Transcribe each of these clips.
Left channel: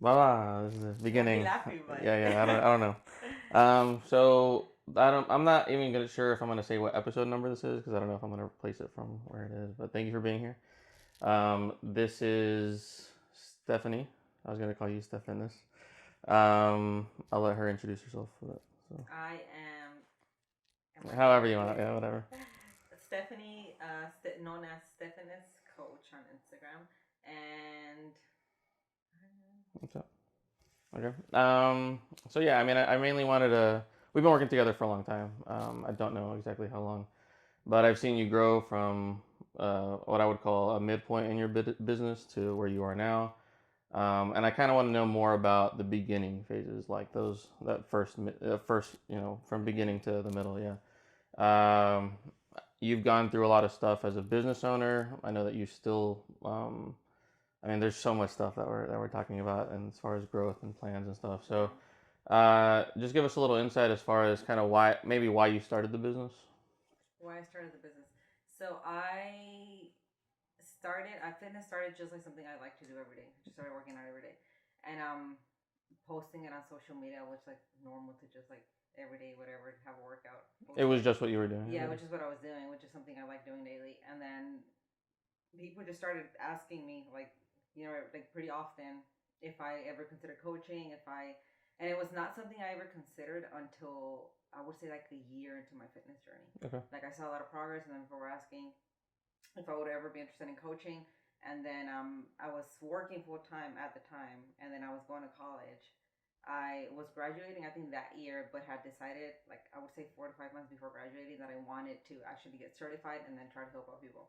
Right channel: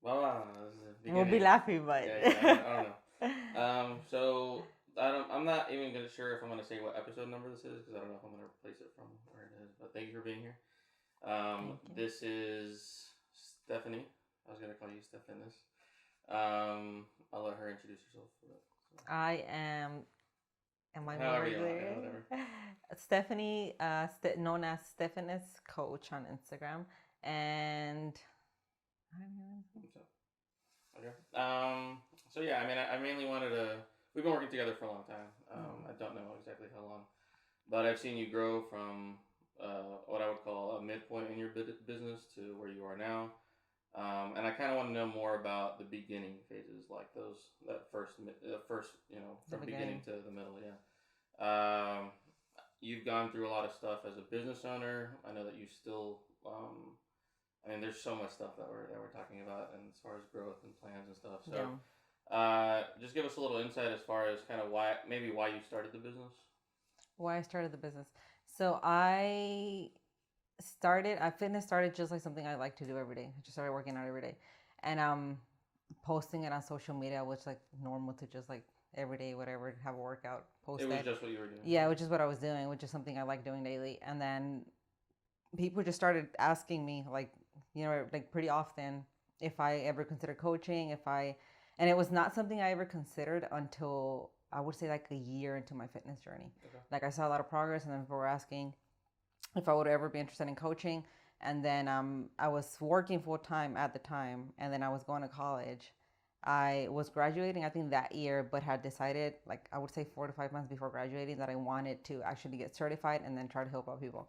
Voila, this is the We'll be beginning. laughing, but Yeah. I don't know. So I don't. I'm not even gonna sure if I'm gonna say what episode number this is because I don't know if I'm gonna replace it from where it is. But thank you for being here. thank you. This is Stephanie. I was gonna call you Stephanis. I'll let her introduce herself for that. So I am my however name you want. Yeah, here. whatever. Stephanie, known as Stephanis Coach on Instagram, and What's up? Okay. So yeah, I mean, I mainly wanted to. We've been working together for a long time. I don't know exactly how long, but I've seen you grow from what I would call a midpoint in your business to where you are now. And I kind of want to know more about the beginning phases, like that first, the from beginning. beginning to the middle. Yeah. You've gone through a lot of stuff as a business owner. I know that you still. I mean, there's so much stuff that we're talking about, and as far as growth and plans and stuff. So, Yeah. just give us a little insight as far as kind of why you started the business. Why I started the business. So fitness started just like something I like to do every day. I just started working out every day, and posting it on social media, which like normal to just like every day, whatever, have a workout, It post was it. just what you were doing. Yeah, Yeah. which is what I was doing, which is something I like doing daily. And then people just started asking me like, like pretty often if I ever consider coaching, and it was not something I ever considered until I would say like a year into my fitness journey. Okay. Like I saw a lot of progress, and then people were asking if I would ever be interested in coaching. And then I was working full time at the time, and then I was going to college. I was graduating, I think that year, but had decided, like I would say 4 to 5 months before graduating, that I wanted to actually get certified and then try to help out people,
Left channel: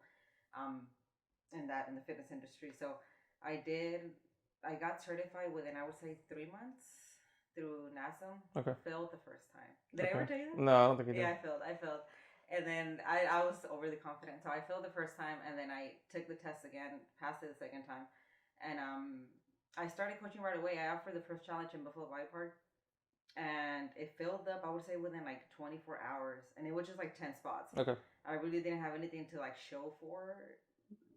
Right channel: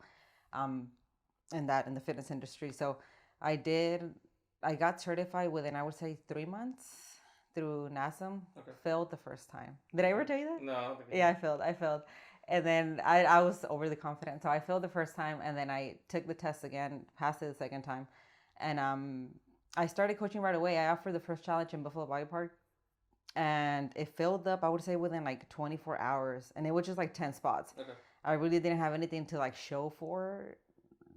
um, in the fitness industry. So I did. I got certified within, I would say, 3 months through NASM. Okay. Failed the first time. Did I Okay. ever tell you that? No, I don't think you Yeah, did. I failed. And then I was overly confident. So I failed the first time, and then I took the test again, passed it the second time. And I started coaching right away. I offered the first challenge in Buffalo Biopark, and it filled up, I would say, within like 24 hours. And it was just like 10 spots. Okay. I really didn't have anything to like show for.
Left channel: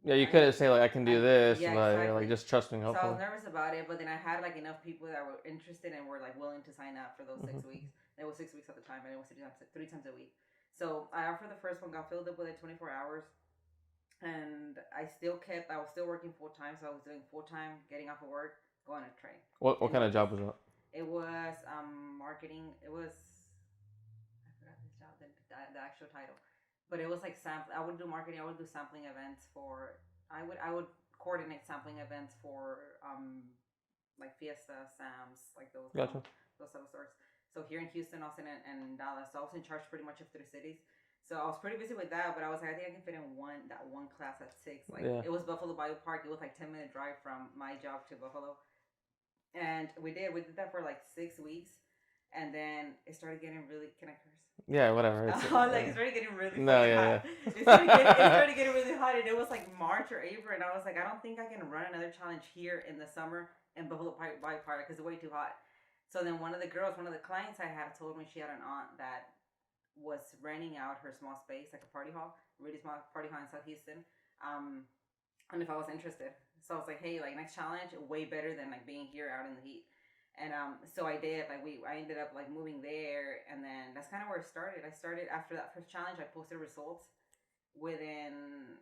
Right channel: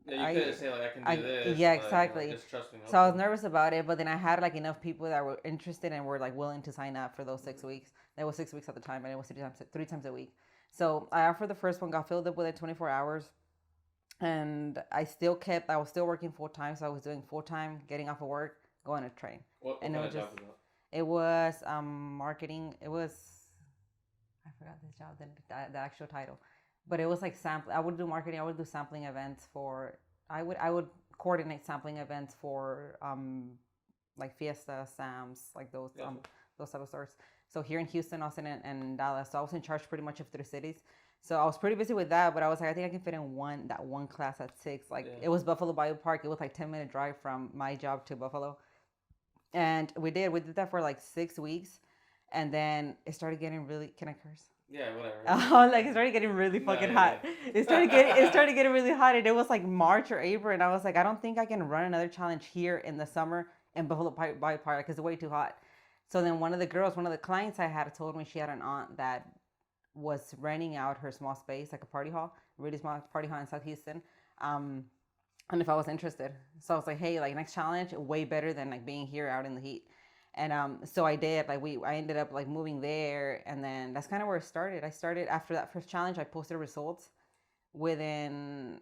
Yeah, you I could say like I can do this, Yeah, like exactly. just trust me, So I was hopefully. nervous about it, but then I had like enough people that were interested and were like willing to sign up for those Hmm. 6 weeks. It was 6 weeks at the time, and it was three times a week. So I offered the first one, got filled up within 24 hours, and I was still working full time, so I was doing full time, getting off of work, going to train, What and it kind was of just job was that? it was marketing. It was, I forgot this job, the actual title, but it was like sample. I would do marketing. I would do sampling events for. I would coordinate sampling events for like Fiesta, Sam's, like Gotcha. those type of stores. So here in Houston, Austin, and Dallas. So I was in charge pretty much of 3 cities. So I was pretty busy with that, but I was like, I think I can fit in one class at 6. Like Yeah. it was Buffalo Biopark. It was like 10-minute drive from my job to Buffalo, and we did that for like 6 weeks, and then it started getting really. Can I curse? Yeah. Whatever. It's Like it started getting really no. fucking hot. Yeah. It Yeah. started getting really hot, and it was like March or April, and I was like, I don't think I can run another challenge here in the summer in Buffalo Park because it's way too hot. So then one of the clients I had told me she had an aunt that was renting out her small space, like a party hall, really small party hall in South Houston. Um, and if I was interested. So I was like, hey, like next challenge, way better than like being here out in the heat. And so I did. I ended up like moving there, and then that's kind of where it started. I started after that first challenge. I posted results within,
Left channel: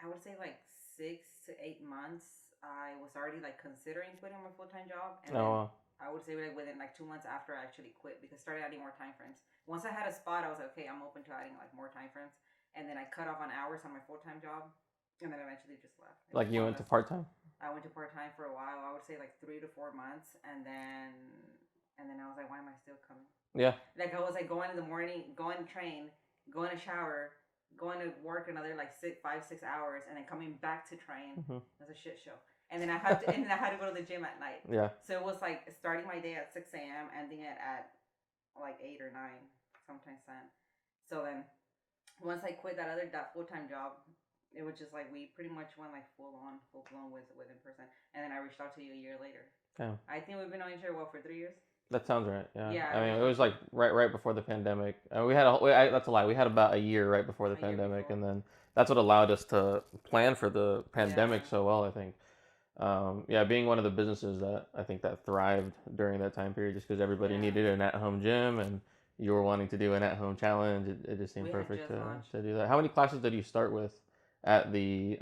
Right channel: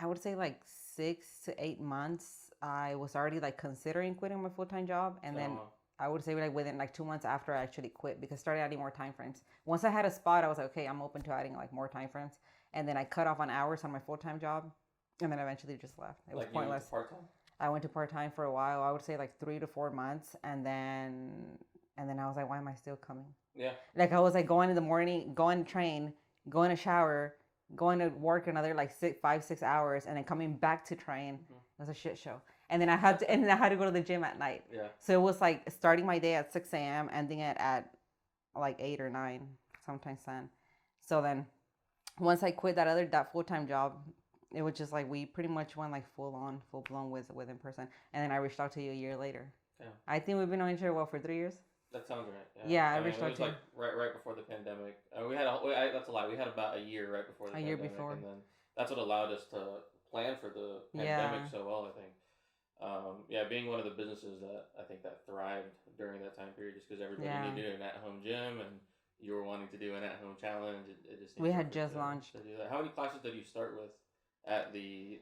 I would say, like 6 to 8 months. I was already like considering quitting my full time job, and Oh, then wow. I would say like within like 2 months after I actually quit because I started adding more time frames. Once I had a spot, I was like, okay, I'm open to adding like more time frames, and then I cut off on hours on my full time job, and then eventually just left. It was Like you went to pointless. part time. I went to part time for a while. I would say like 3 to 4 months, and then I was like, why am I still coming? Yeah. Like I was like going in the morning, going to train, going to shower, going to work another like 6 hours, and then coming back to train. Hmm. It was a shit show. And then I had to go to the gym at night. Yeah. So it was like starting my day at 6 a.m., ending it at like 8 or 9, sometimes 10. So then once I quit that full time job, it was just like we pretty much went like full blown with in person. And then I reached out to you a year later. Yeah. I think we've been knowing each other well for 3 years. That sounds right. Yeah. Yeah, I I mean, reached it out was to you like right before the pandemic. That's a lie. We had about a year right before the a year pandemic, before. and then that's what allowed us to plan for the pandemic Yeah. so well. I think. Yeah, being one of the businesses that I think that thrived during that time period, just because everybody Yeah. needed an at-home gym and you were wanting to do an at-home challenge, it just seemed We had perfect just launched. to do that. How many classes did you start with at the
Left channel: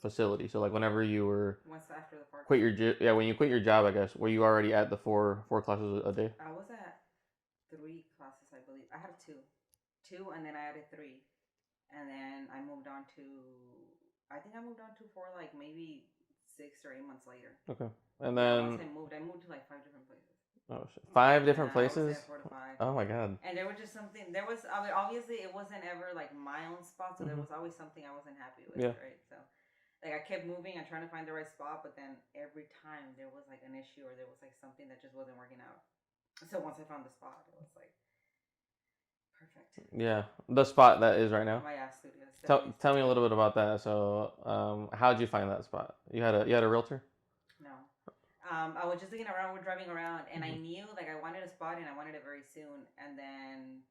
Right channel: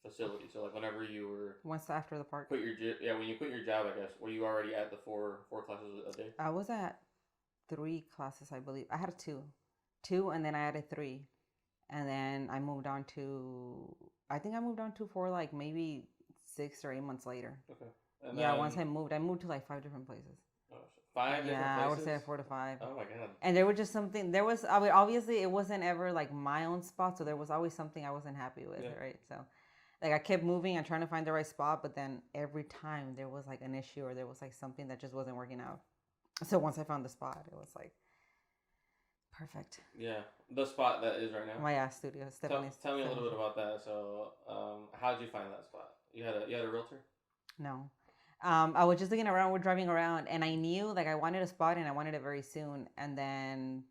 facility? So like whenever you were Once after the park. yeah, when you quit your job, I guess, were you already at the four classes a day? I was at 3 classes, I believe. I had two, and then I added three, and then I moved on to. I think I moved on to 4, like maybe 6 or 8 months later. Okay, and Yeah, then once I moved to like 5 different places. oh, shit. Five different Yeah, I would places. say 4 to 5. Oh my god. And there was just something. There was. I mean, obviously, it wasn't ever like my own spot, so there Mhm. was always something I wasn't happy with. Yeah. Right. So, like I kept moving and trying to find the right spot, but then every time there was like an issue or there was like something that just wasn't working out. So once I found the spot, it was like perfect. Yeah, the spot that is right now. My ass studio. Tell me a little bit about that. So, how'd you find that spot? You had a realtor? No. I was just looking around, we're driving around, and I knew like I wanted a spot and I wanted it very soon. And then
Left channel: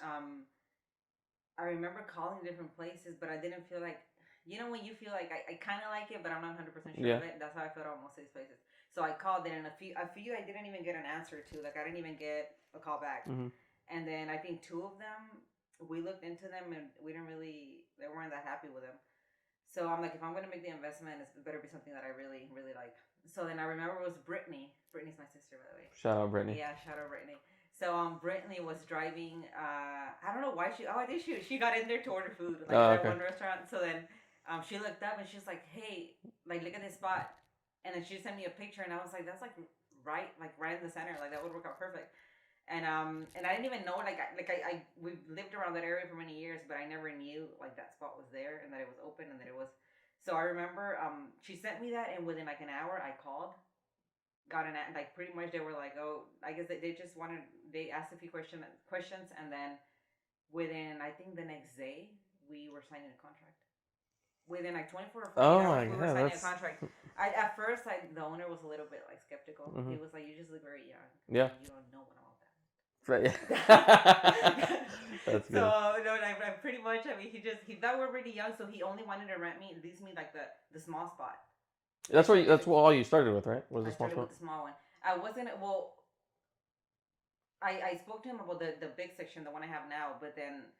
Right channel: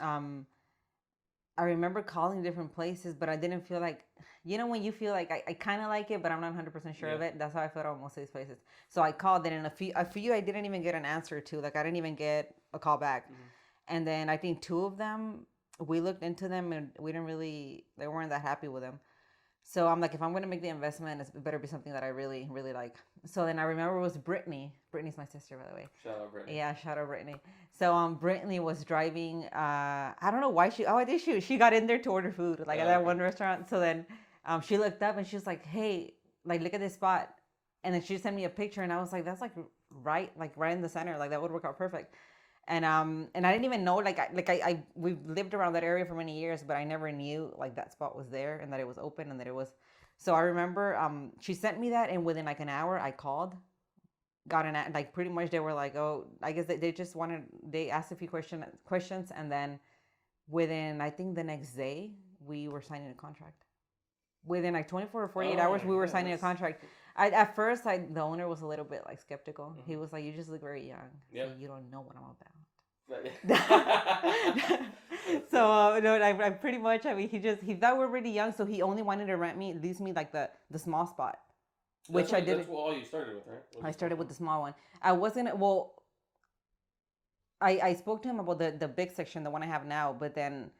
I remember calling different places, but I didn't feel like, when you feel like I kind of like it, but I'm not 100% sure of it. That's how I felt on most of these places. So I called it, and a few I didn't even get an answer to. Like I didn't even get a call back. Mm-hmm. And then I think 2 of them, we looked into them and they weren't that happy with them. So I'm like, if I'm going to make the investment, it better be something that I really, really like. So then I remember it was Brittany. Brittany's my sister, by the way. Shout out Brittany. Yeah, shout out Brittany. So Brittany was driving. I don't know why I did she got in there to order food like at that one restaurant. So then she looked up and she was like, hey, like look at this spot. And then she sent me a picture and I was like, that's like right in the center. Like that would work out perfect. And I didn't even know we've lived around that area for many years, but I never knew like that spot was there and that it was open and that it was. So I remember she sent me that, and within like an hour I called, got an like pretty much they were like, oh, I guess they just they asked a few questions, and then within I think the next day we were signing a contract. Within like 24 or 48 hours we were signing a contract. At first the owner was a little bit like skeptical. Mm-hmm. He was like, you just look very young. Yeah. So you don't know what I'm about. Right. So no, I pretty much. I mean, he thought we're really young, so he only wanted to lease me like the small spot. That's what all you started with, right? I started with the small one. I wasn't well. I spoke to him about the big section, the one I have now, but then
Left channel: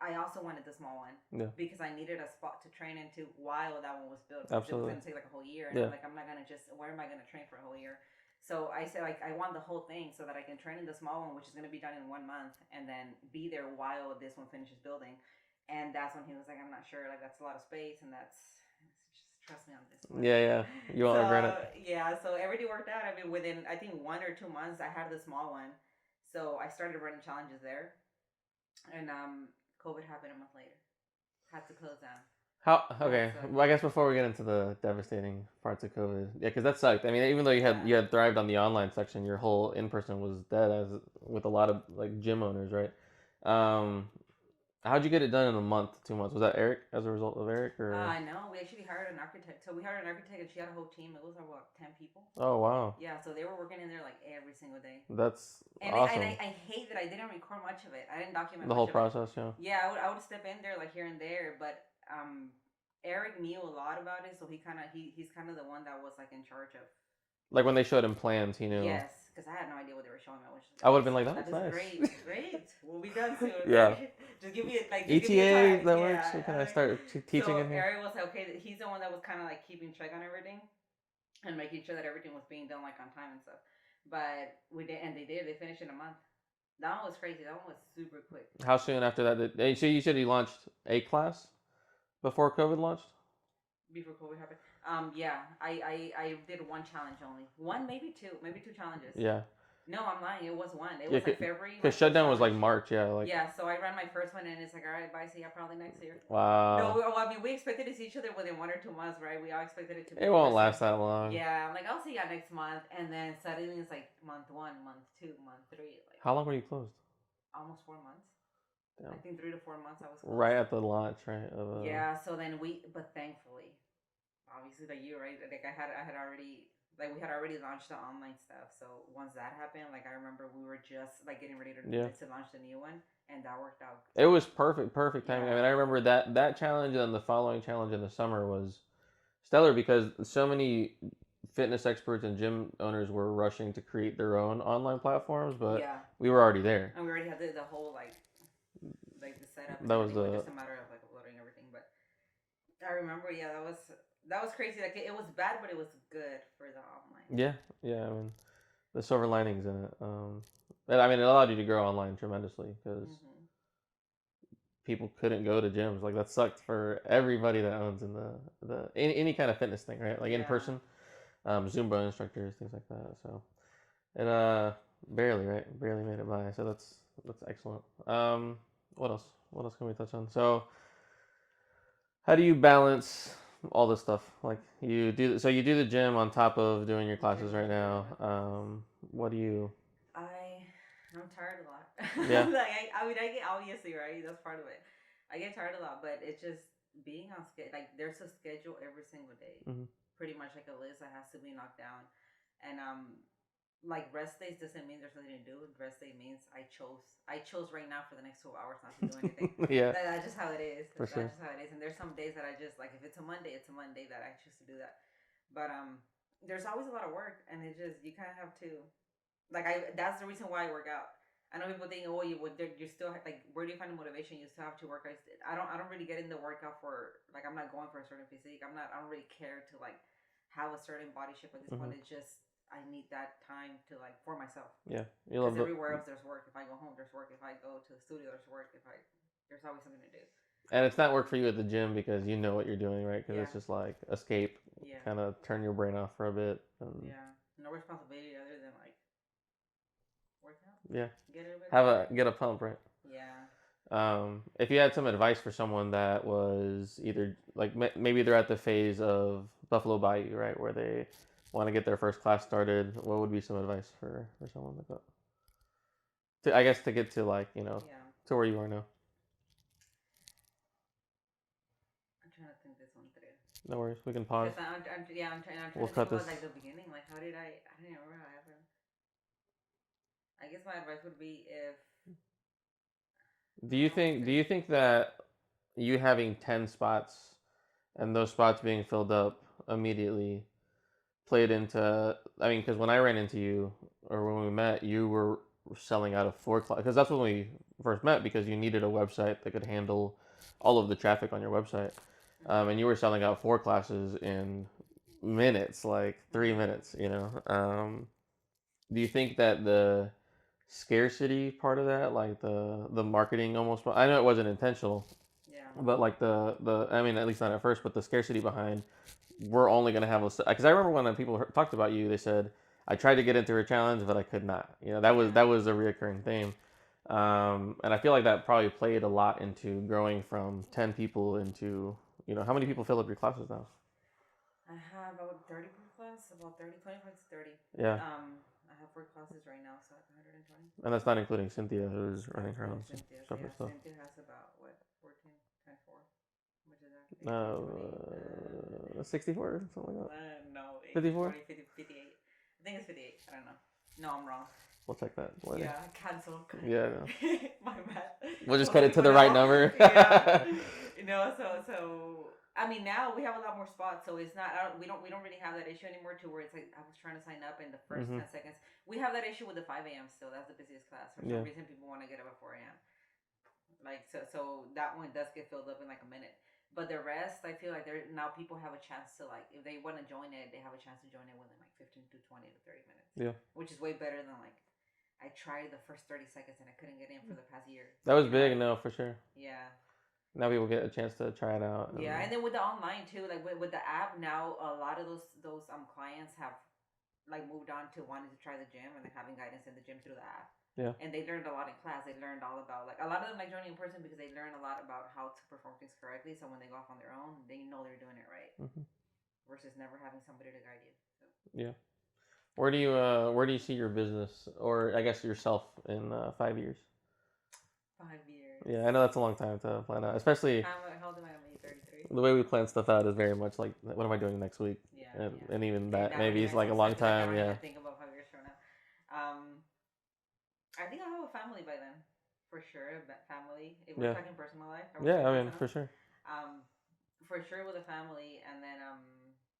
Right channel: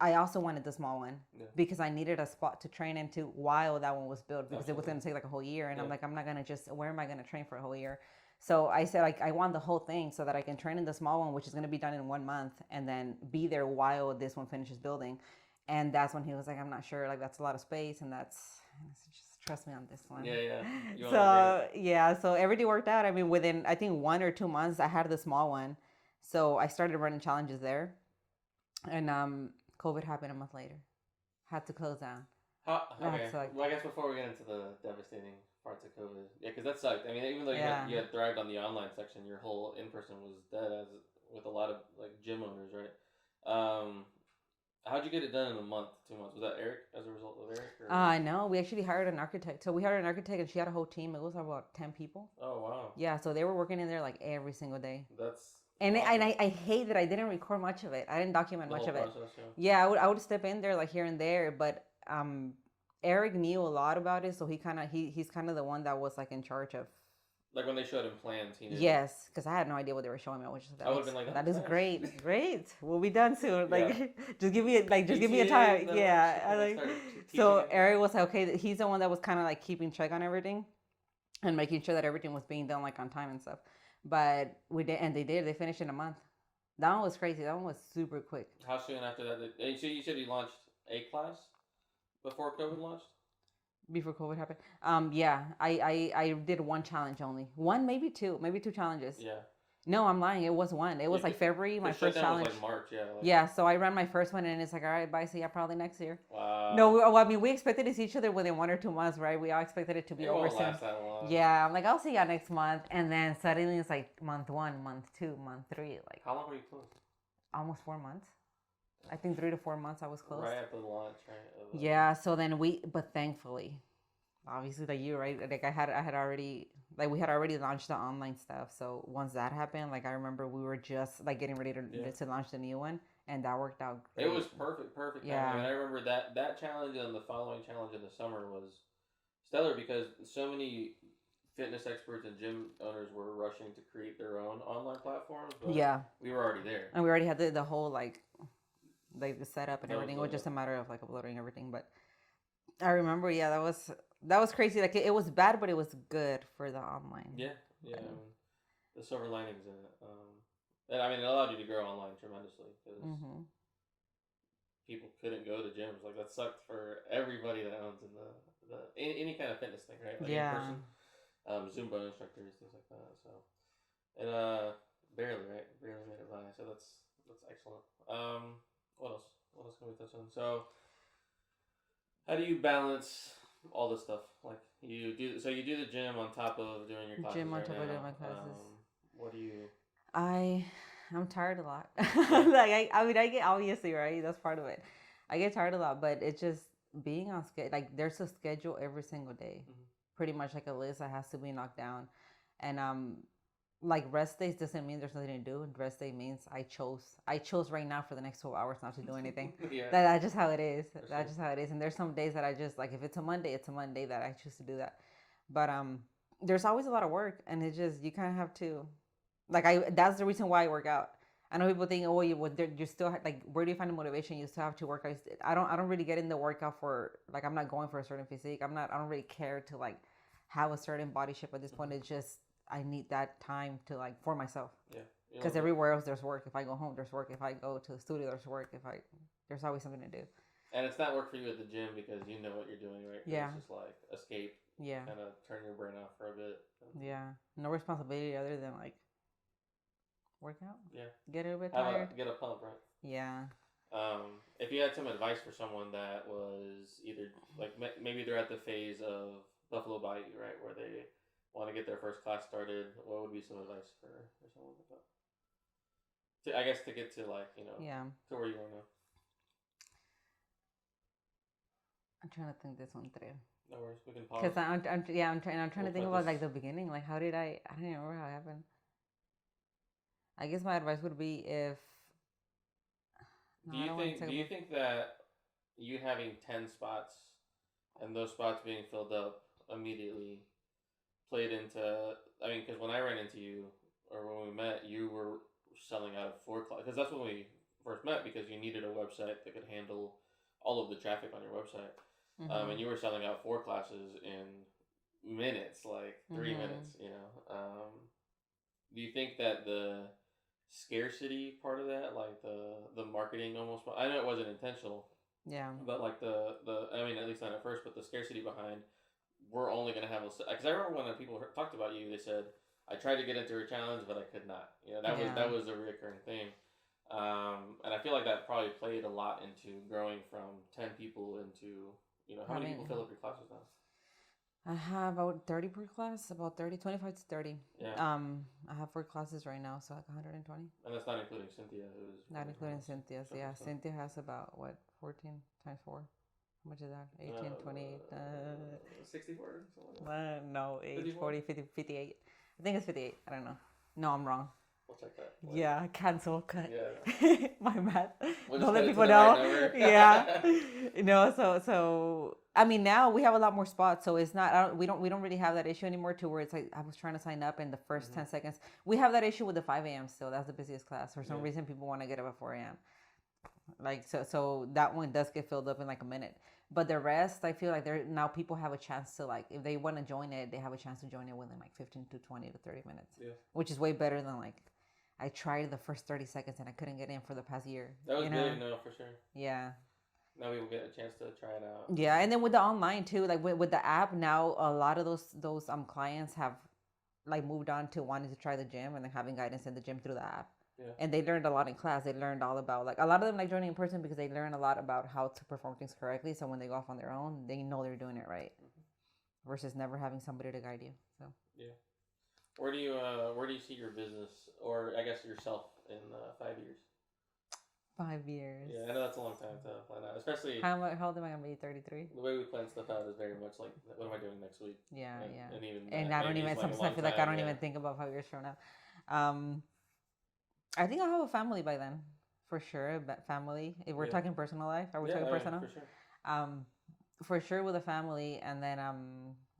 I also wanted the small one because I needed a spot to train into while that one was built, because it was going to take like a whole year, and I'm like, I'm not going to where am I going to train for a whole year? So I said, like, I want the whole thing so that I can train in the small one, which is going to be done in 1 month, and then be there while this one finishes building. And that's when he was like, I'm not sure. Like, that's a lot of space, and just trust me on this one. Yeah. You want to regret it. Yeah, so everything worked out. I mean, within, I think, 1 or 2 months, I had the small one. So I started running challenges there. And COVID happened a month later. Had to close down. Okay. Well, I guess before we get into the devastating parts of COVID, yeah, because that sucked. I mean, even though you had thrived on the online section, your whole in person was dead, as with a lot of like gym owners, right? How'd you get it done in a month, 2 months? Was that Eric as a result of Eric? Or? No, we actually hired an architect. So we hired an architect, and she had a whole team. It was about 10 people. Oh wow. Yeah, so they were working in there like every single day. That's and awesome. I hate that I didn't record much of it. I didn't document the much whole of process. it. Yeah, I would step in there like here and there, but Eric knew a lot about it, so he's kind of the one that was like in charge of. Like when they showed him plans, he knew. Yes, because I had no idea what they were showing me. I would have been like, that is nice. great. We'll be done soon. Yeah. Just give me a time. Yeah. I start teaching. So Eric was like, okay, he's the one that was kind of like keeping check on everything, and making sure that everything was being done like on time and stuff. But we did, and they finished in a month. That one was crazy. That one was super quick. How soon after that? So you said you launched a class before COVID launched? Before COVID happened. Yeah, I did 1 challenge only. 1, maybe 2 challenges. Yeah. No, I'm lying. It was 1. It was like February. The shutdown was like March. Yeah. Yeah. So I ran my first one, and it's like, all right, bye. See ya probably next year. Wow. No, I mean, we expected to see each other within 1 or 2 months, right? We all expected it to be. It won't last that long. Yeah, I'm like, I'll see ya next month, and then suddenly it's like month 1, month 2, month 3. Like. How long were you closed? Almost 4 months. Yeah. I think 3 to 4 months I was closed. Right at the launch, right? Yeah. So then but thankfully, obviously the year, right? Like I had already. Like we had already launched the online stuff, so once that happened, like I remember we were just like getting ready to launch the new one, and that worked out great. It was perfect timing. Yeah. I mean, I remember that challenge and then the following challenge in the summer was stellar because so many fitness experts and gym owners were rushing to create their own online platforms, but Yeah, we were already there. and we already had the whole like the setup and That was everything. It was the just a matter of like uploading everything. But I remember, yeah, that was crazy. Like it was bad, but it was good for the online. yeah, yeah. I mean, the silver linings in it. And I mean, it allowed you to grow online tremendously because Mm-hmm. people couldn't go to gyms. Like that sucked for everybody that owns in the any kind of fitness thing, right? Like in Yeah. person, Zumba instructors, things like that. So and barely right, barely made it by. So that's excellent. What else? What else can we touch on? So how do you balance all this stuff? Like you do the gym on top of doing your classes Gym on right top of doing now. my classes. What do you? I I'm tired a lot. Yeah. Like I mean I get obviously right. That's part of it. I get tired a lot, but it's just being on schedule. Like there's a schedule every single day. Mm-hmm. Pretty much like a list that has to be knocked down, and like rest days doesn't mean there's nothing to do. Rest day means I chose right now for the next 12 hours not to do anything. Yeah. That's just how it is. For sure. That's just how it is. And there's some days that I just like if it's a Monday, it's a Monday that I choose to do that. But there's always a lot of work, and it's just you kind of have to like I that's the reason why I work out. I know people think, oh, you still like where do you find the motivation? You still have to work. I don't really get in the workout for like I'm not going for a certain physique. I don't really care to like have a certain body shape at this point. Mm-hmm. It's just I need that time to like for myself. Yeah. Because everywhere else there's work. If I go home, there's work. If I go to the studio, there's work. There's always something to do. And it's not work for you at the gym because you know what you're doing, right? Because Yeah. it's just like escape, Yeah. kind of turn your brain off for a bit. And Yeah. No responsibility other than like work out. Yeah. Get a bit Get a pump, right? Yeah. If you had some advice for someone that was either like maybe they're at the phase of Buffalo Bayou, right, where they want to get their first class started, what would be some advice for someone like that? I guess to get to like Yeah. to where you are now. I'm trying to think this one through. No worries, we can pause. Because I'm trying We'll to cut think about this. like the beginning. Like how did I don't even remember how it happened. I guess my advice would be if Do you think that you having 10 spots and those spots being filled up immediately played into, I mean, because when I ran into you or when we met, you were selling out of 4 classes, because that's when we first met, because you needed a website that could handle all of the traffic on your website. And you were selling out 4 classes in minutes, like 3 minutes, do you think that the scarcity part of that, like the marketing almost, I know it wasn't intentional, yeah. but like the I mean, at least not at first, but the scarcity behind we're only going to have because I remember when people talked about you, they said I tried to get into a challenge but I could not, that was a reoccurring theme. And I feel like that probably played a lot into growing from 10 people into how many people fill up your classes now? I have about 30 per class, about 30, 25 to 30. Yeah. I have 4 classes right now, so like 120. And that's not including Cynthia, who's Not running her own including Cynthia's. stuff. Yeah, So. Cynthia has about what 14 times 4. How much is that? 18, 20. 64, something like that. No, 8, 54? 40, 50, 58. I think it's 58. I don't know. No, I'm wrong. We'll check that later. Yeah, cancel. Yeah, my math. We'll just cut it to the right number. Yeah. So I mean now we have a lot more spots, so it's not we don't really have that issue anymore to where it's like I was trying to sign up in the 1st 10 seconds. We have that issue with the 5 a.m. still. That's the busiest class. For some reason people want to get up at 4 a.m. Like so that one does get filled up in like a minute. But the rest, I feel like now people have a chance to like if they want to join it, they have a chance to join it within like 15 to 20 to 30 minutes. Yeah. Which is way better than like I tried the first 30 seconds and I couldn't get in for the past year. That was big, no, for sure. Yeah. Now people get a chance to try it out. Yeah, and then with the online too, like with the app now, a lot of those clients have like moved on to wanting to try the gym and then having guidance in the gym through the app. Yeah. And they learned a lot in class. They learned all about like a lot of them like joining in person because they learn a lot about how to perform things correctly. So when they go off on their own, they know they're doing it right. Versus never having somebody to guide you. So yeah. Where do you see your business, or I guess yourself, in 5 years? 5 years. Yeah, I know that's a long time to plan out, especially. How old am I gonna be? 33. The way we plan stuff out is very much like, what am I doing next week? Yeah, and even that and maybe it's like a long time. Like I don't even think about 5 years from now. I think I'll have a family by then, for sure. But family, if we're talking personal life, I mean, for sure. For sure with a family, and then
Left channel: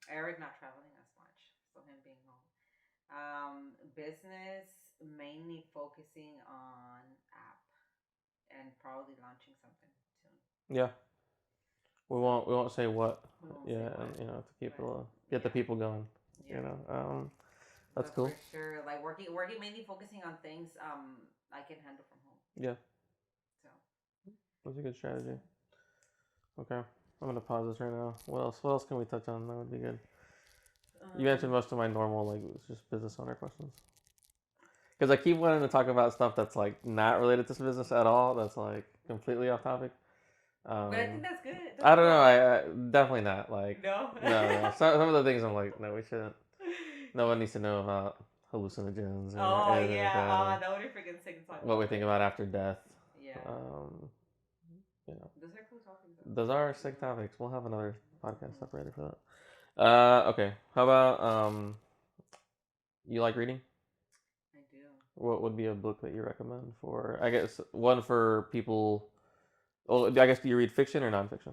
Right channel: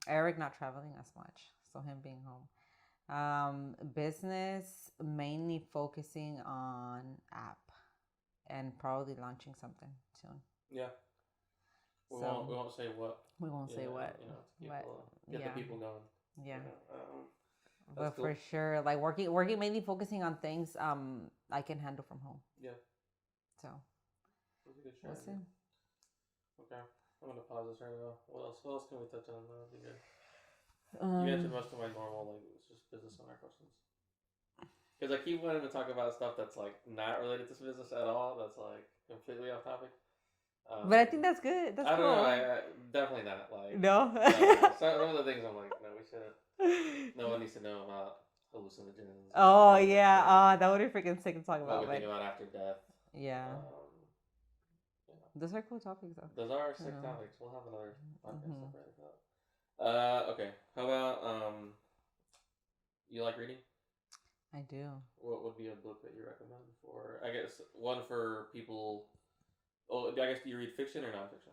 Eric not traveling as much, so him being home. Business mainly focusing on app and probably launching something soon. Yeah. We So won't say what. we won't Yeah, say what, you know, to but people get the yeah, people going. yeah. You know, that's But cool. for sure, like working mainly focusing on things I can handle from home. Yeah, So that's a good we'll strategy. see. Okay, I'm gonna pause this right now. What else? What else can we touch on? That would be good. You answered most of my normal, like, just business owner questions. Because I keep wanting to talk about stuff that's like not related to business at all. That's like completely off topic. But I think that's good. That's I don't cool. know. I definitely not. Like, No. no. Some of the things I'm like, no, we shouldn't. No one needs to know about hallucinogens. Oh Or yeah. That would be freaking sick to talk what about. we think about after death. Yeah. You know, Those are cool topics though. those are sick topics. We'll have another podcast Mhm. separated for that. Okay. How about you like reading? I do. What would be a book that you recommend for? I guess one for people. Well, I guess do you read fiction or nonfiction?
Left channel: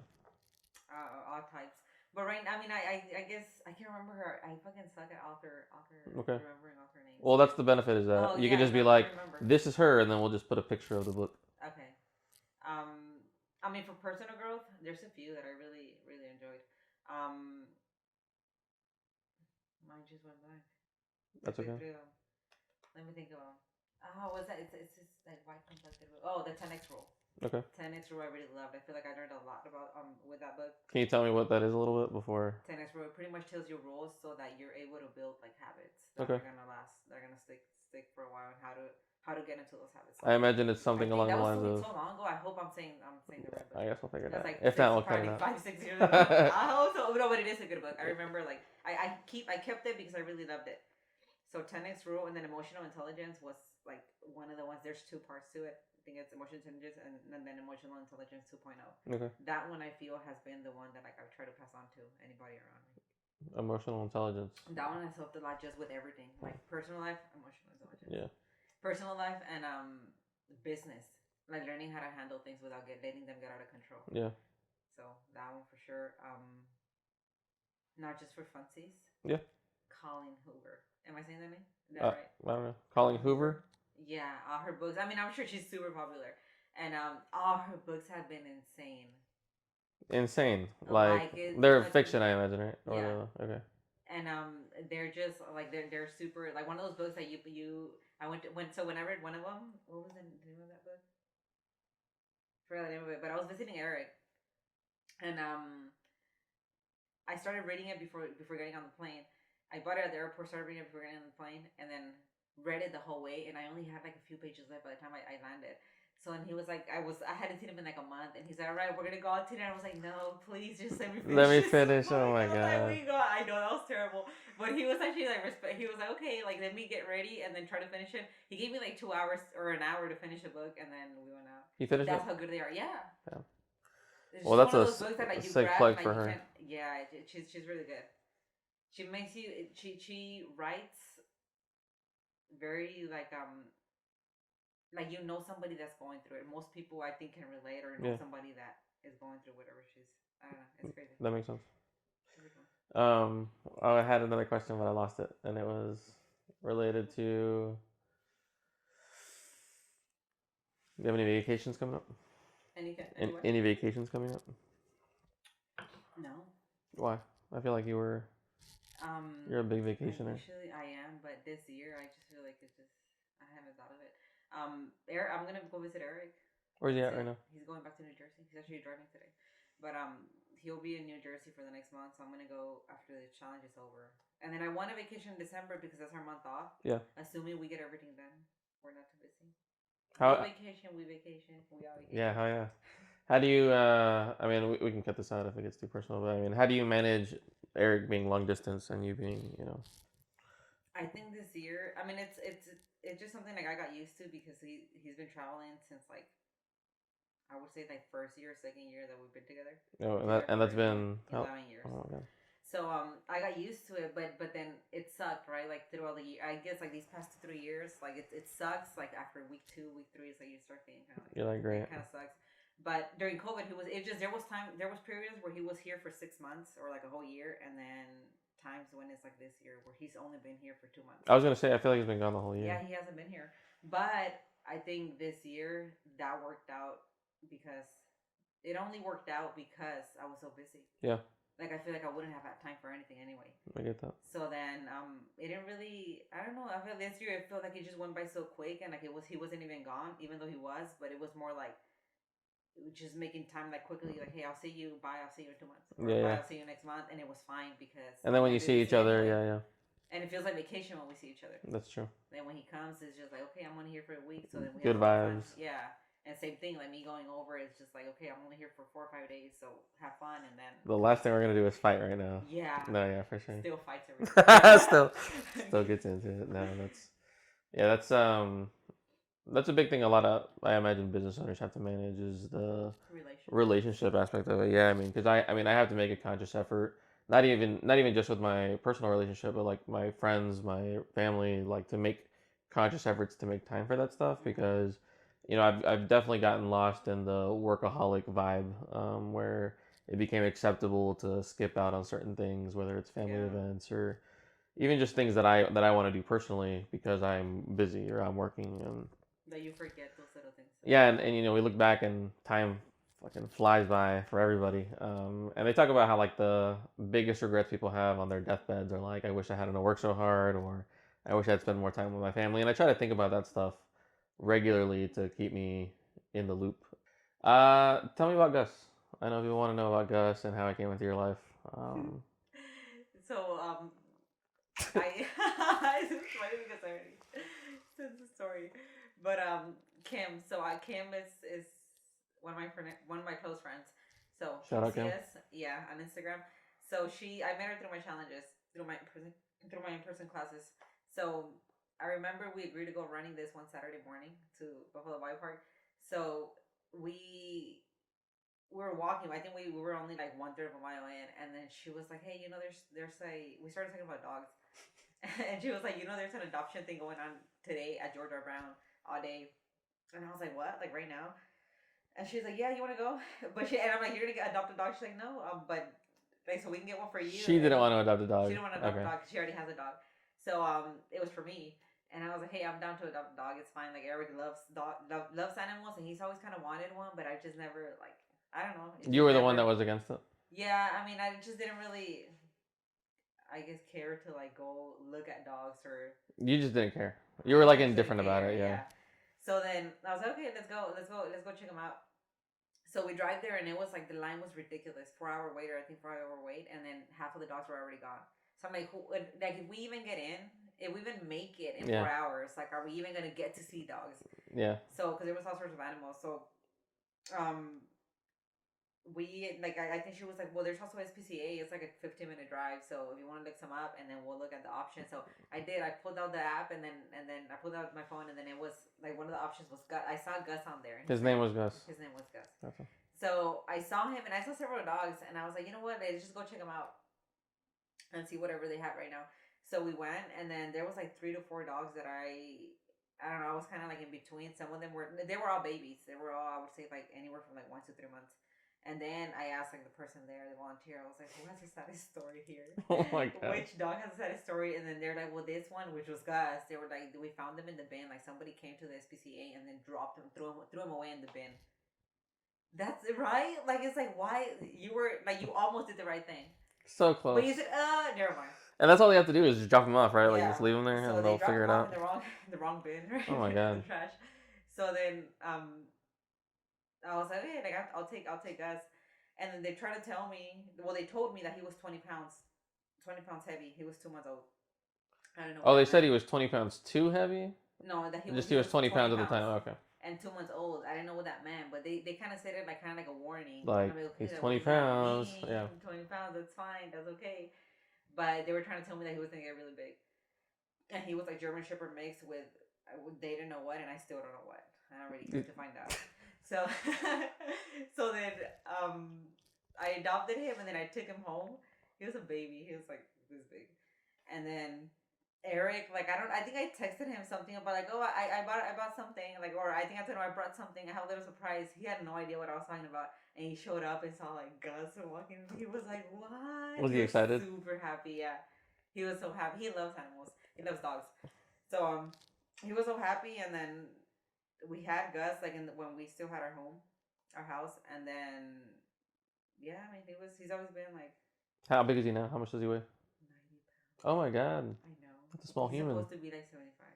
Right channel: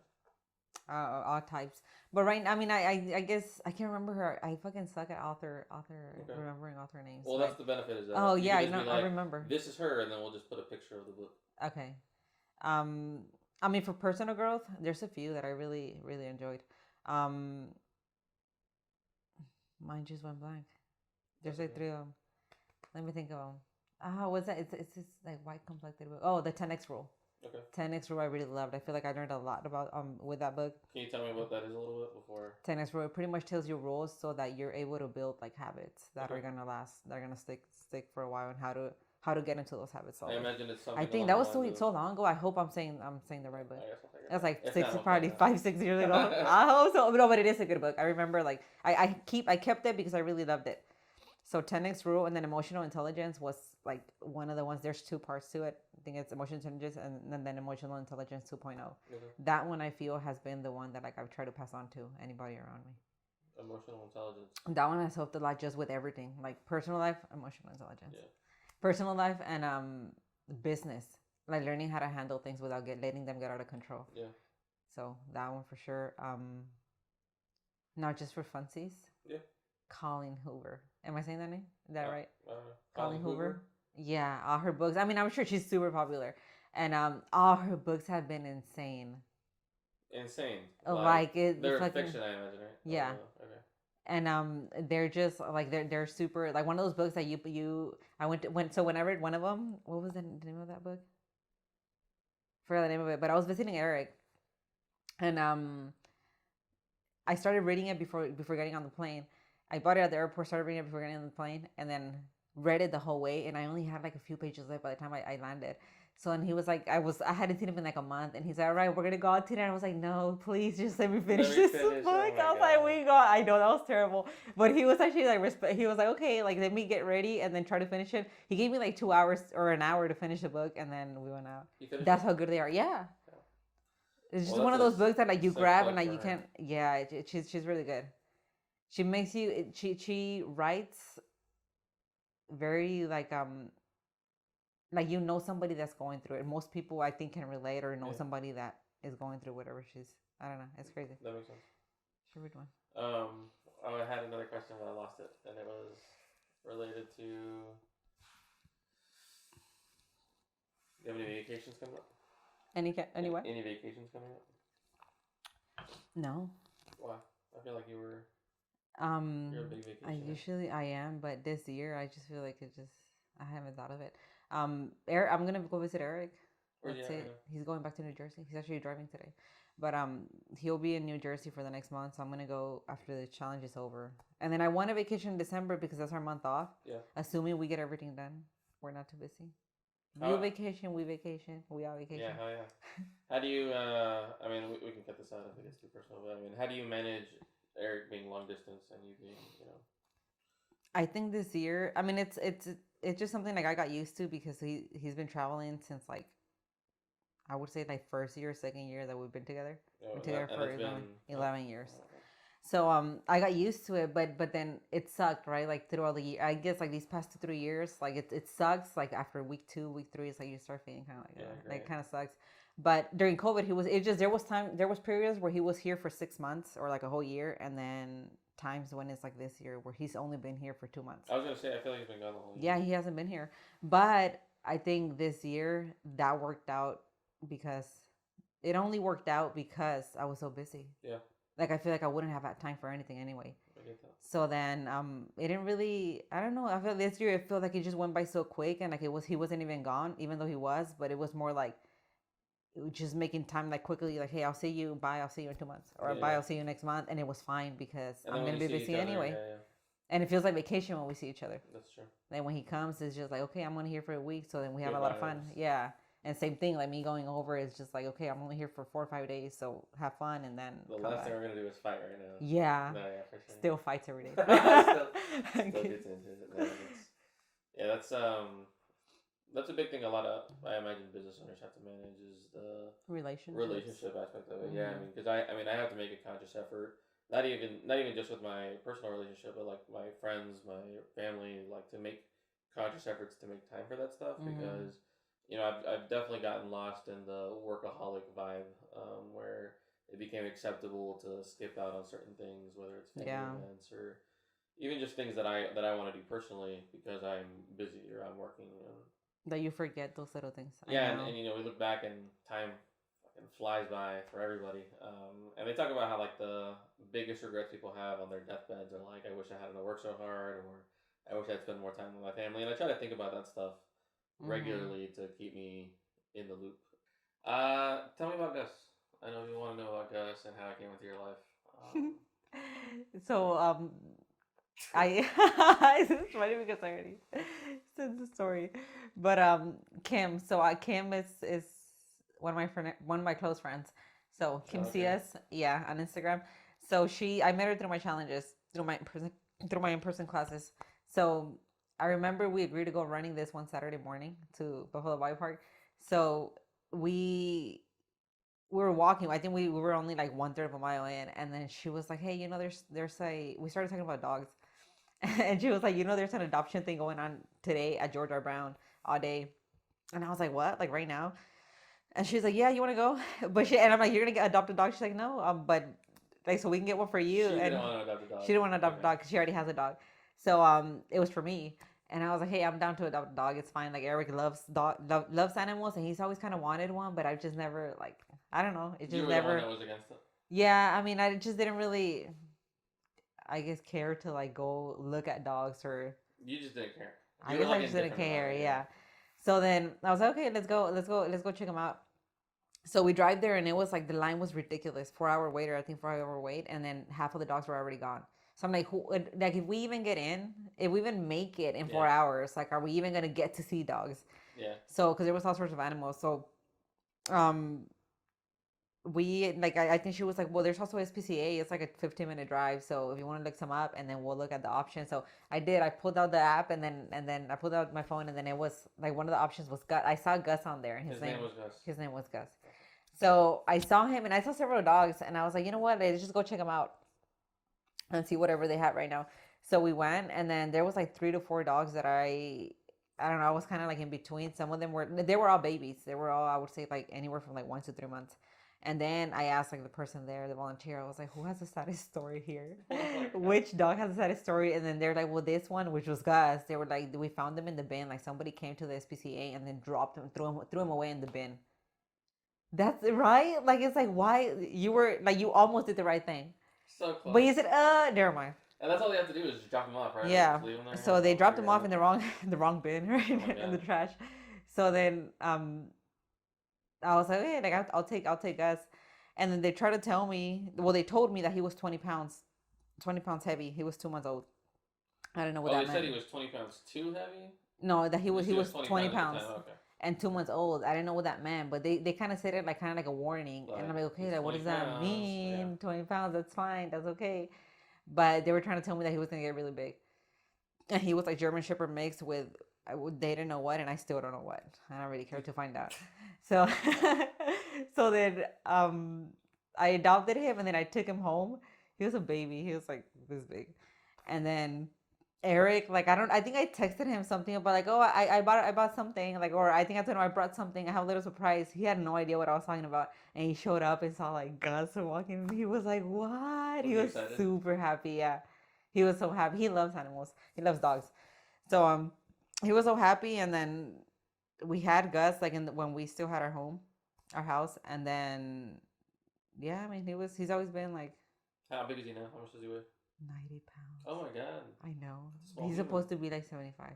All types. But right, I mean, I guess I can't remember her. I fucking suck at Okay. remembering author names. Well, that's the benefit is that Oh you yeah, can just be I like, remember. this is her, and then we'll just put a picture of the book. Okay. Um, I mean, for personal growth, there's a few that I really enjoyed. Um, Mine just went blank. There's That's like okay. three of them. Let me think of them. Oh, what's that? It's this like white complected book. Oh, the 10x rule. Okay. 10x rule I really loved. I feel like I learned a lot about with that book. Can you tell me what that is a little bit before? 10x rule, it pretty much tells you rules so that you're able to build like habits that Okay. are gonna last. They're gonna stick for a while, and how to get into those habits. I imagine it's something I think along that the was lines so of. long ago. I hope I'm saying the right book. I guess we'll figure it That's out. like If six, not, we'll cut probably it out. 5, 6 years ago. I hope so. No, but it is a good book. I remember like I kept it because I really loved it. So 10x rule and then emotional intelligence was like one of the ones. There's two parts to it. I think it's emotional intelligence and then emotional intelligence 2.0. Okay. That one I feel has been the one that like I've tried to pass on to anybody around me. Emotional intelligence. That one has helped a lot just with everything, like personal life, emotional intelligence. Yeah. Personal life and business, like learning how to handle things without letting them get out of control. Yeah. So that one for sure. Not just for funsies. Yeah. Colleen Hoover. Am I saying that name? Is that right? I don't know. Colleen Hoover. Yeah, all her books. I mean, I'm sure she's super popular, and all her books have been insane. Insane. Like they're like, fiction, I imagine, right? Yeah. Okay. And they're just like they're super like one of those books that you I so when I read one of them, what was the name of that book? Forgot the name of it, but I was visiting Eric, and I started reading it before getting on the plane. I bought it at the airport, started reading it before getting on the plane, and then read it the whole way. And I only had like a few pages left by the time I landed. So and he was like, I hadn't seen him in like a month, and he's like, all right, we're gonna go out dinner. And I was like, no, please, just let me finish. Let me finish. Book. Oh my I was god. like, we got. I know that was terrible, but he was actually like respect. He was like, okay, like let me get ready and then try to finish it. He gave me like 2 hours or an hour to finish the book, and then we went out. You finished That's it? how good they are. Yeah. It's Well, just that's one of those books that like you sick grab plug and like for you her. can't. Yeah, she's really good. She makes you. She writes very like you know somebody that's going through it. Most people I think can relate or know Yeah. somebody that is going through whatever she's. I don't know. It's crazy. That makes sense. It's a weird one. Oh, I had another question, but I lost it, and it was related to. Do you have any vacations coming up? Any what? Any vacations coming up? No. Why? I feel like you were. You're a big vacationer. Usually I am, but this year I just feel like I haven't thought of it. Eric, I'm gonna go visit Eric. Where's he at right now? He's going back to New Jersey. He's actually driving today, but he'll be in New Jersey for the next month. So I'm gonna go after the challenge is over, and then I want a vacation in December because that's our month off. Yeah. Assuming we get everything done, we're not too busy. How, we vacation, we all vacation. Yeah, hell yeah. How do you? I mean, we can cut this out if it gets too personal. But I mean, how do you manage Eric being long distance and you being, I think this year, I mean, it's just something like I got used to because he's been traveling since like I would say like first year, second year that we've been together. And that's been 11 years. Oh, okay. So I got used to it, but then it sucked, right? Like through all the year, I guess like these past 2-3 years, like it sucks. Like after week 2, week 3, it's like you start feeling kind of like you're like great. It kind of sucks. But during COVID, there was periods where he was here for 6 months or like a whole year, and then times when it's like this year where he's only been here for 2 months. I was gonna say I feel like he's been gone the whole year. Yeah, he hasn't been here, but I think this year that worked out because it only worked out because I was so busy. Yeah. Like I feel like I wouldn't have had time for anything anyway. I get that. So then it didn't really, I don't know, I feel this year it felt like it just went by so quick, and like he wasn't even gone even though he was, but it was more like just making time like quickly, like, hey, I'll see you, bye, I'll see you in 2 months, or Yeah, bye, yeah. I'll see you next month, and it was fine because And then I'm when you gonna be see each busy other, anyway. yeah. And it feels like vacation when we see each other. That's true. Then when he comes, it's just like, okay, I'm only here for a week, so then we have Good a lot of fun. vibes. Yeah. And same thing, like me going over is just like, okay, I'm only here for 4 or 5 days, so have fun, and then The last thing we're gonna do is fight right now. yeah, No, yeah, for sure. still fights every day. Still gets into it. No, that's a big thing. A lot of, I imagine, business owners have to manage is the relationship aspect of it. Yeah, I mean, because I mean, I have to make a conscious effort. Not even just with my personal relationship, but like my friends, my family, like to make conscious efforts to make time for that stuff because I've definitely gotten lost in the workaholic vibe where it became acceptable to skip out on certain things, whether it's family events or even just things that I want to do personally because I'm busy or I'm working and that you forget those little things. yeah, and we look back and time fucking flies by for everybody. And they talk about how like the biggest regrets people have on their deathbeds are like, I wish I hadn't worked so hard, or I wish I'd spent more time with my family. And I try to think about that stuff regularly to keep me in the loop. Tell me about Gus. I know people want to know about Gus and how it came into your life. So I it's funny because I already said the story, but Kim. So Kim is one of my close friends. So Kim CS, yeah, on Instagram. So I met her through my challenges, through my in-person classes. So I remember we agreed to go running this one Saturday morning to Buffalo Bike Park. So we were walking. I think we were only like 1/3 of a mile in, and then she was like, "Hey, there's a." We started talking about dogs, and she was like, "There's an adoption thing going on today at George R. Brown all day," and I was like, "What? Like right now?" And she's like, "Yeah, you want to go?" And I'm like, "You're gonna adopt a dog?" She's like, "No, but like so we can get one for you." She didn't want to adopt a dog. She didn't want to adopt a dog because she already has a dog. So it was for me. And I was like, hey, I'm down to adopt a dog. It's fine. Like Eric loves animals, and he's always kind of wanted one, but I've just never like I don't know. You were the one that was against it. Yeah, I mean, I just didn't really, I guess, care to like go look at dogs or. You just didn't care. You were like indifferent about it. Yeah. So then I was like, okay, let's go check them out. So we drive there, and it was like the line was ridiculous. 4-hour wait, or I think 4-hour wait, and then half of the dogs were already gone. So I'm like, like if we even get in, if we even make it in 4 hours, like, are we even gonna get to see dogs? Yeah. So, because there was all sorts of animals. So, we like, I think she was like, well, there's also SPCA. It's like a 15-minute drive. So if you want to look some up, and then we'll look at the options. So I did. I pulled out the app, and then I pulled out my phone, and then it was like one of the options was Gus. I saw Gus on there. His name was Gus. His name was Gus. Okay. So I saw him, and I saw several dogs, and I was like, you know what? Let's just go check them out and see whatever they had right now. So we went, and then there was like 3 to 4 dogs that I don't know. I was kind of like in between. Some of them they were all babies. They were all, I would say, like anywhere from like 1 to 3 months. And then I asked like the person there, the volunteer. I was like, who has the saddest story here? Oh my God. Which dog has the saddest story? And then they're like, well, this one, which was Gus. They were like, we found them in the bin. Like somebody came to the SPCA and then dropped him, threw him away in the bin. That's right. Like it's like why you almost did the right thing. So close. But you said, never mind. And that's all they have to do is just drop them off, right? Yeah. Like just leave them there. So they dropped them off in the wrong bin, right? Oh my God. In the trash. So then I was like, hey, like I'll take Gus. And then they tried to tell me, well, they told me that he was 20 pounds heavy. He was 2 months old. I don't know. What they said he was 20 pounds too heavy? No, that he was 20 pounds at the time. Okay. And 2 months old. I didn't know what that meant, but they kind of said it like kind of like a warning. Like, and I'm like, okay, he's like, 20 what does pounds. that mean? Yeah. 20 pounds, that's fine, that's okay. But they were trying to tell me that he was gonna get really big, and he was like German Shepherd mixed with they didn't know what, and I still don't know what. I don't really care to find out. So, so then I adopted him, and then I took him home. He was a baby. He was like this big, and then Eric, like I think I texted him something about like, oh, I bought something, like, or I think I told him I brought something. I have a little surprise. He had no idea what I was talking about, and he showed up and saw like Gus walking. He was like, what? Was He he was excited? super happy. Yeah, he was so happy. He loves animals. He loves dogs. So he was so happy, and then we had Gus like when we still had our house, and then yeah, I mean he's always been like How big is he now? How much does he weigh? 90 pounds. Oh my god, I know. that's a small He's human. supposed to be like 75.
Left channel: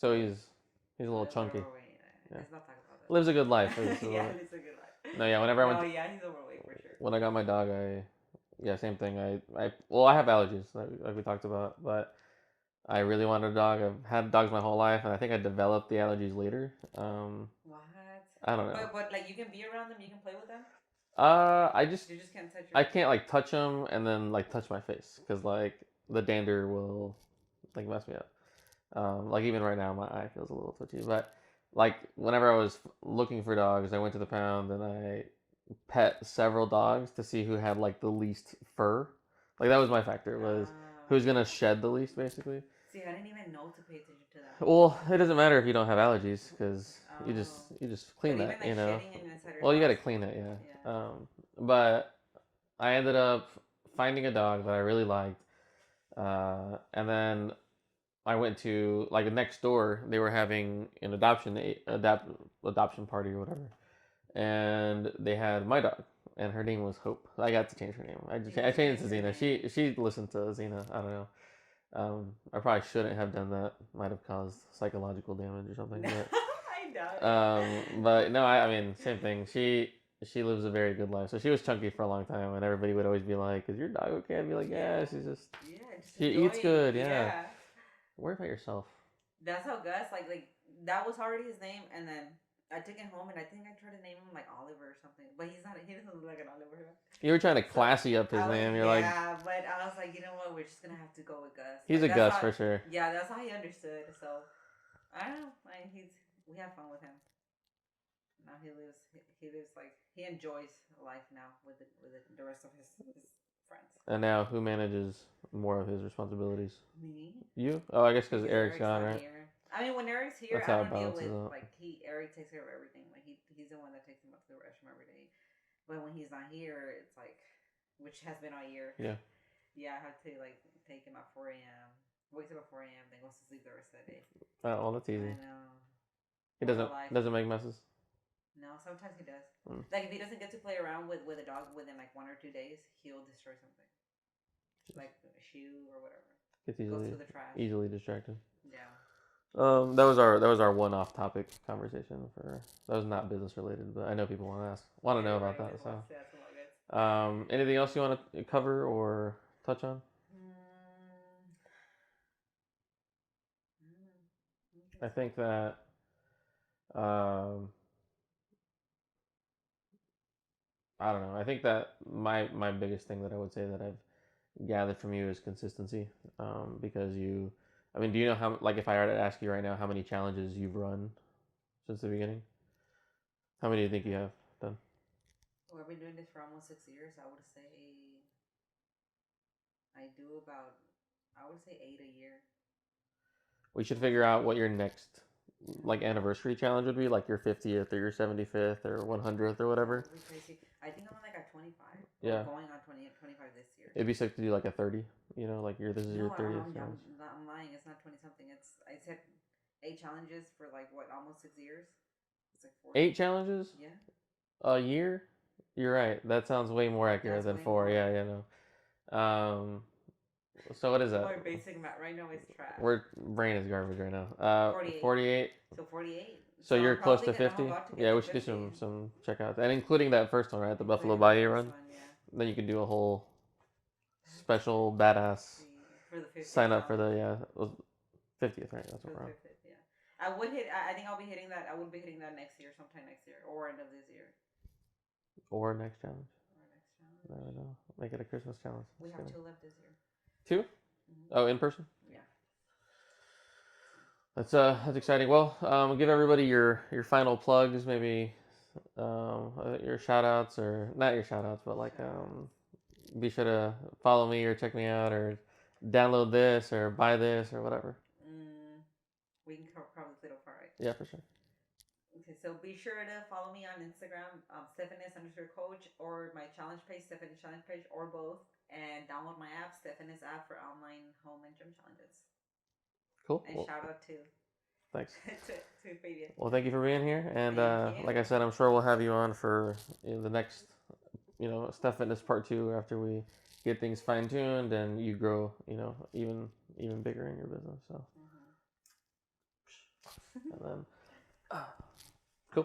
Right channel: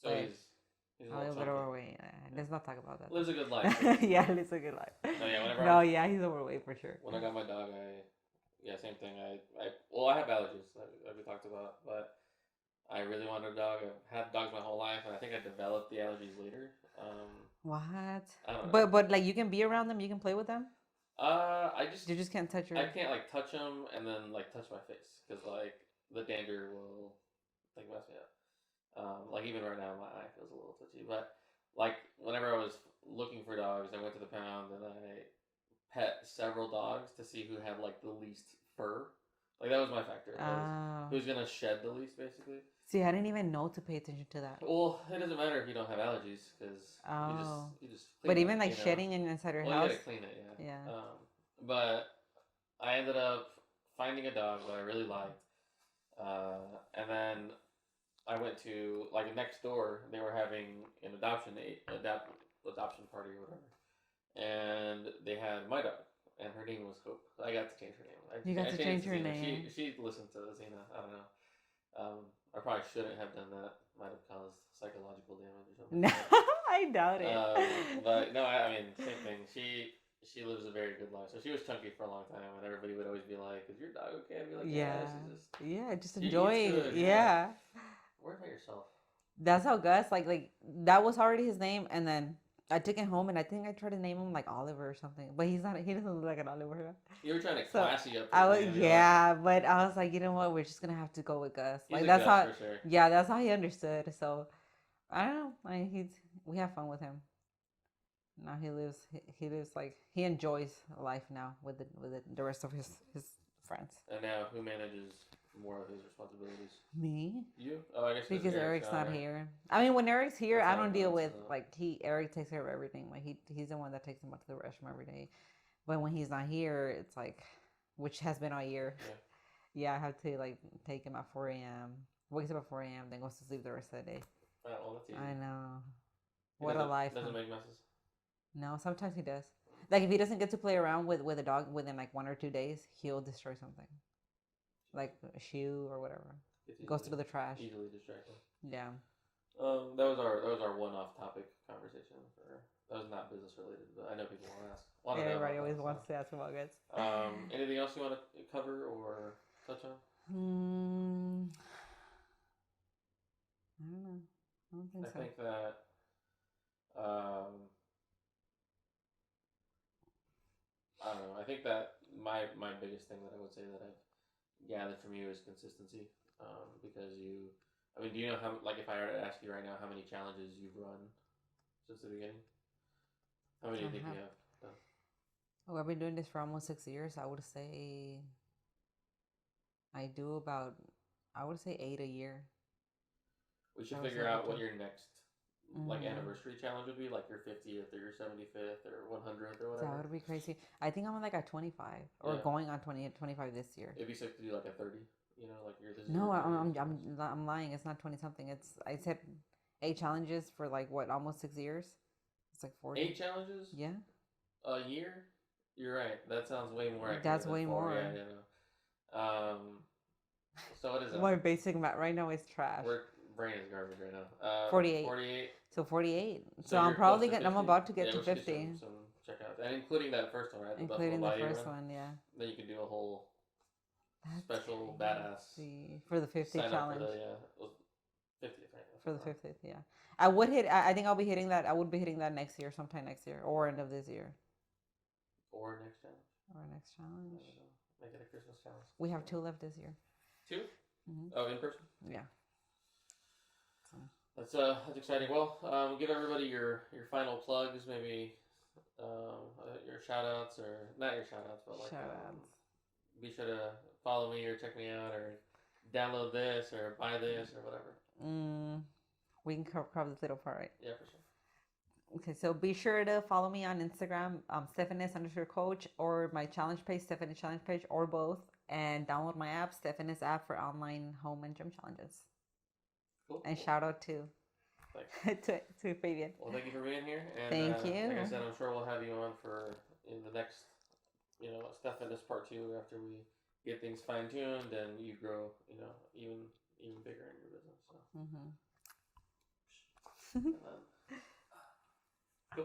So But he's a a little little bit chunky. overweight. Yeah. Let's not talk about Lives a good life. that. Yeah, lives a good life. No, yeah. Whenever I No, went, yeah, he's overweight for sure. when I got my dog, yeah, same thing. Well, I have allergies, like we talked about, but I really wanted a dog. I've had dogs my whole life, and I think I developed the allergies later. What? I don't know. But like you can be around them, you can play with them. I just You just can't touch I your. can't like touch them and then like touch my face because like the dander will like mess me up. Like even right now, my eye feels a little twitchy. But like whenever I was looking for dogs, I went to the pound and I pet several dogs to see who had like the least fur. Like that was my factor was Oh. who's gonna shed the least basically. See, I didn't even know to pay attention to that. Well, it doesn't matter if you don't have allergies because Oh. you just clean But that, even like you know. shedding inside your Well, you house. gotta clean it, yeah. Yeah. But I ended up finding a dog that I really liked, and then I went to like next door. They were having an adoption party or whatever, and they had my dog, and her name was Hope. I got to change her name. You got I to changed change it to your Xena. name. She listened to Xena. I don't know. I probably shouldn't have done that. Might have caused psychological damage or something. No, I doubt it. But no, I mean, same thing. She lives a very good life. So she was chunky for a long time, and everybody would always be like, "Is your dog okay?" I'd be like, "Yeah, she's just Yeah, just she enjoy. eats good. Yeah, Yeah. worry about yourself." That's how Gus like that was already his name, and then I took him home, and I think I tried to name him like Oliver or something, but he's not. He doesn't look like an Oliver. You were trying to So classy up his I was name. You're like, yeah, but I was like, you know what? We're just gonna have to go with Gus. he's Like a that's Gus how. for sure. Yeah, that's how he understood. So I don't know. I mean, we have fun with him. Now he lives like he enjoys life now with the rest of his friends. And now, who manages more of his responsibilities? Me. You? Oh, I guess because Because Eric's Eric's gone, not right? here. I mean, when Eric's here, That's I how it don't deal with balances out. like Eric takes care of everything. Like he's the one that takes him up to the restroom every day. But when he's not here, it's like, which has been all year. Yeah. Yeah, I have to like take him at 4 a.m. Wakes up at 4 a.m. Then goes to sleep the rest of the day. Oh, that's easy. I know. He What a life. doesn't make messes. No, sometimes he does. Mm. Like if he doesn't get to play around with a dog within like 1 or 2 days, he'll destroy something, like a shoe or whatever. Goes through the trash. Easily distracted. Yeah. That was our one off topic conversation for that was not business related, but I know people want to know about Everybody that. always wants to ask about guys. Anything else you want to cover or touch on? I don't know. I don't think I so. think that I don't know. I think that my biggest thing that I would say that I've gathered from you is consistency. Because I mean, do you know how like if I were to ask you right now how many challenges you've run since the beginning? How many do you think you have done? Oh, I've been doing this for almost 6 years. I would say I do about, I would say 8 a year. We should That was figure a out good what one. your next like anniversary challenge would be, like your 50th or your 75th or 100th or That whatever. would be crazy. I think I'm like at 25 or Yeah. going on 25 this year. It'd be sick to do like a 30. You know, like this is No, your 30th. I'm lying. It's not 20 something. I said 8 challenges for like what, almost 6 years. It's like 40. 8 challenges Yeah. a year. You're right. That sounds way more accurate That's than way 4. more. Yeah, no. So what is that? My basic math right now is trash. Our brain is garbage right now. 48. 48. So 48. So I'm you're close to probably 50. I'm about to get yeah, to we should 50. do some checkouts, and including that first one, right? The Buffalo Including Bayou the run. first one, yeah. Then you could do a whole special badass For the 50th sign up for the challenge. 50th, right? That's For what the we're on. 50th, yeah. I would hit. I think I'll be hitting that. I would be hitting that next year, sometime next year, or end of this year, Or next challenge. or next challenge. I don't know. Make it a Christmas challenge. We have 2 left this year. 2? Mm-hmm. Oh, in person. Yeah. That's exciting. Well, give everybody your final plugs, maybe your shout outs, or not your shout outs, but like be sure to follow me or check me out or download this or buy this or whatever. We can cover this little part, right? Yeah, for sure. Okay, so be sure to follow me on Instagram, Stephanis_coach, or my challenge page, Stephanis challenge page, or both, and download my app, Stephanis app, for online home and gym challenges. Cool. And shout out to thanks to Fabian. Well, thank you for being here, and Thank you. like I said, I'm sure we'll have you on for the next, Steph Fitness Part 2 after we get things fine tuned and you grow, even bigger in your business. So, and then, cool.